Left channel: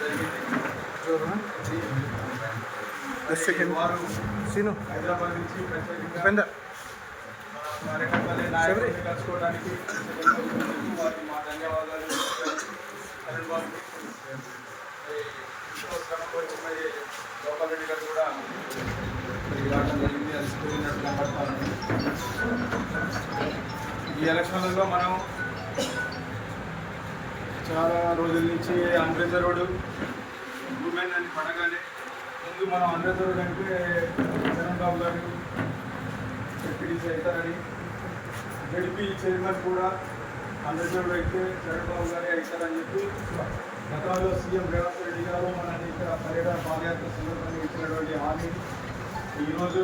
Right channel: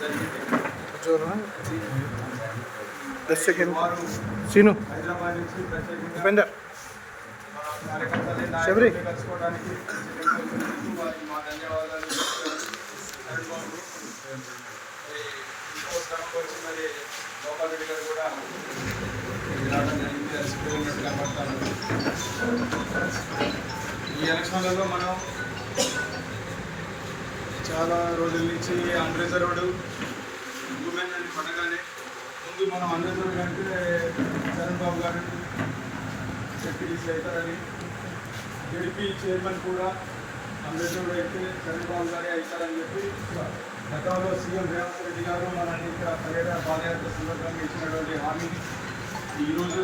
జరిగింది. వారు హైదరాబాద్ నుంచి ప్రత్యేకంగా కార్యకర్తలు కలుసుకోవడానికి వారికి మా ధన్యవాదాలు. వచ్చి మరి గోపాల్ రెడ్డి గారు కూడా రావడం జరిగింది. అలసిపోయినట్టు కనబడతాను. ఈ ఎలక్షన్లలో మనం చాలా రోజుల నుంచి అంబేద్కర్ రోడ్డు ఉమెన్ అని పడగానే ముందు మనం అంబేద్కర్ కంటే చరణ్ బాబు గారు చెప్పి చేస్తారని గడిపి చైర్మన్ కూడా అంబేద్కర్ అయితే చరణ్ బాబు గారే అవుతారని చెప్పి గతంలో సీఎం రేవంత్ రెడ్డి గారు మన ఇక్కడ పర్యటన పాదయాత్ర సందర్భంగా ఇచ్చినటువంటి హామీని ఈరోజు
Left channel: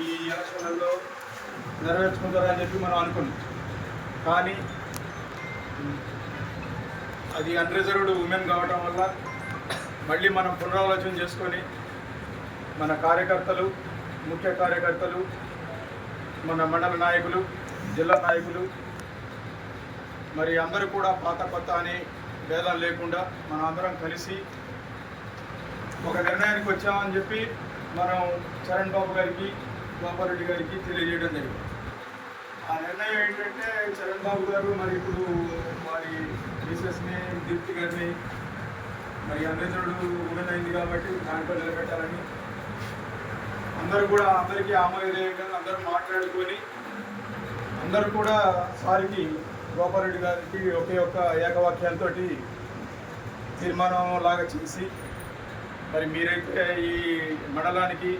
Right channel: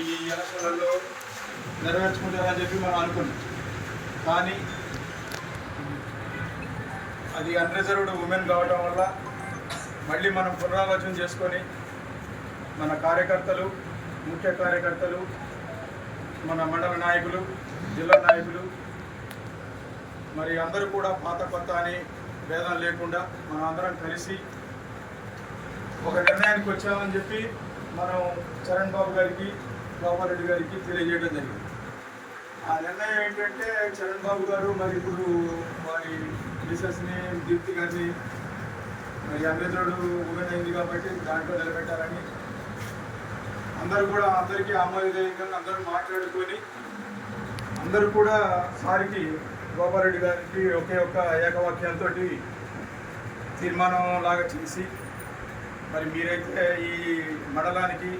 ఈ ఎలక్షన్లలో నెరవేర్చుకుంటారని చెప్పి మనం అనుకున్నాం. కానీ అది అన్రిజర్వ్డ్ ఉమెన్ కావడం వల్ల మళ్ళీ మనం పునరాలోచన చేసుకొని మన కార్యకర్తలు, ముఖ్య కార్యకర్తలు, మన మండల నాయకులు, జిల్లా నాయకులు మరి అందరూ కూడా పాత కొత్త అని భేదం లేకుండా మనం అందరం కలిసి ఒక నిర్ణయానికి వచ్చామని చెప్పి మనం చరణ్ బాబు గారికి, గోపాల్ రెడ్డి గారికి తెలియజేయడం జరిగింది. ఆ నిర్ణయం ఏంటంటే చరణ్ బాబు గారు మరి ఇప్పుడు వారి మిసెస్ని, దీప్తి గారిని మరి అంబేద్కరుడు ఉమెన్ అయింది కాబట్టి దాంట్లో నిలబెట్టాలని అందరికీ ఆమోదయోగ్యంగా అందరూ మాట్లాడుకొని అందరూ కూడా సారికి గోపాల్ రెడ్డి గారికి ఒకే ఒక్క ఏకవాక్యంతో తీర్మానం లాగా చేసి మరి మీరైతే ఈ మండలానికి,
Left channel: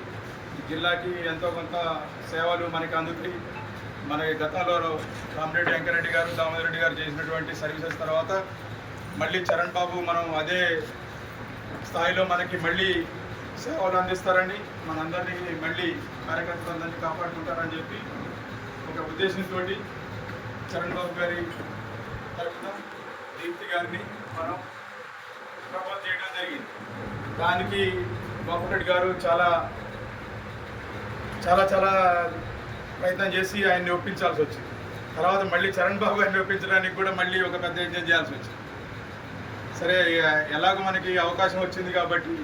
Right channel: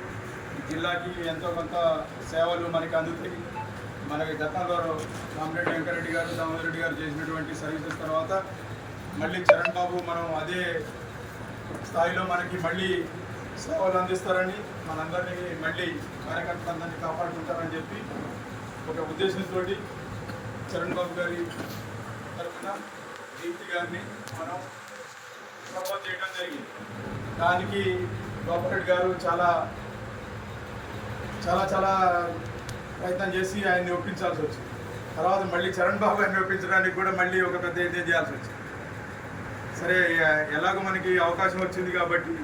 ఈ జిల్లాకి ఎంతో కొంత సేవలు మనకి అందుతాయి. మనకి గతంలో రామిరెడ్డి వెంకరెడ్డి గారు, దామోదర్ రెడ్డి గారు చేసినటువంటి సర్వీసెస్ తర్వాత మళ్ళీ చరణ్ బాబు మనం అదే స్థాయిలో మనకి మళ్ళీ సేవలు అందిస్తారని, మనందరినీ మళ్ళీ కార్యకర్తలందరినీ కాపాడుకుంటారని చెప్పి ఒక ఉద్దేశంతో చరణ్ బాబు గారి తరఫున దీప్తి గారిని మనం సపోర్ట్ చేయడం జరిగింది. దానికి గోపాల్ రెడ్డి గారు చాలా చాలా చాలా ప్రయత్నం చేసి ఆయన్ని ఒప్పించాల్సి వచ్చింది. తర్వాత మళ్ళీ చరణ్ బాబు గారిని ఒప్పించడానికి కూడా మళ్ళీ ఒక పెద్ద యజ్ఞం చేయాల్సి వచ్చింది. సరే, ఎలాగో మనకి అవకాశం వచ్చింది కాబట్టి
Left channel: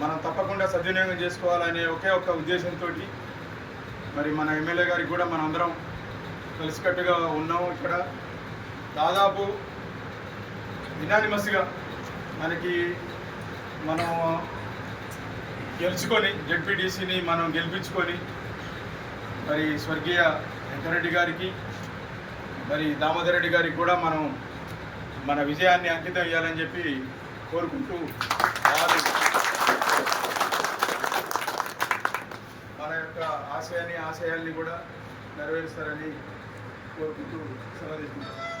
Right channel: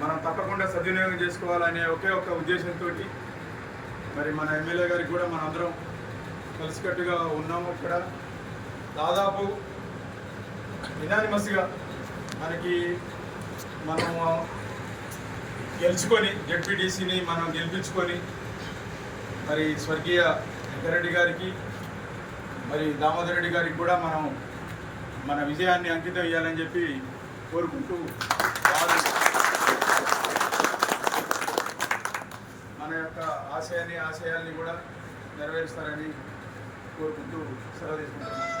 మనం తప్పకుండా సద్వినియోగం చేసుకోవాలనే ఒకే ఒక్క ఉద్దేశంతో మరి మన ఎమ్మెల్యే గారికి కూడా మన అందరం కలిసికట్టుగా ఉన్నాము. ఇక్కడ దాదాపు యునానిమస్గా మనం గెలుచుకొని జెడ్పీటీసీని మనం గెలిపించుకొని మరి స్వర్గీయ వెంకరెడ్డి గారికి, మరి దామోదర్ రెడ్డి గారికి కూడా మనం మన విజయాన్ని అంకితం ఇవ్వాలని చెప్పి కోరుకుంటూ మన యొక్క ఆశయాల్ని కూడా నెరవేరుస్తారని కోరుకుంటూ సెలవు తీసుకుంటున్నాం.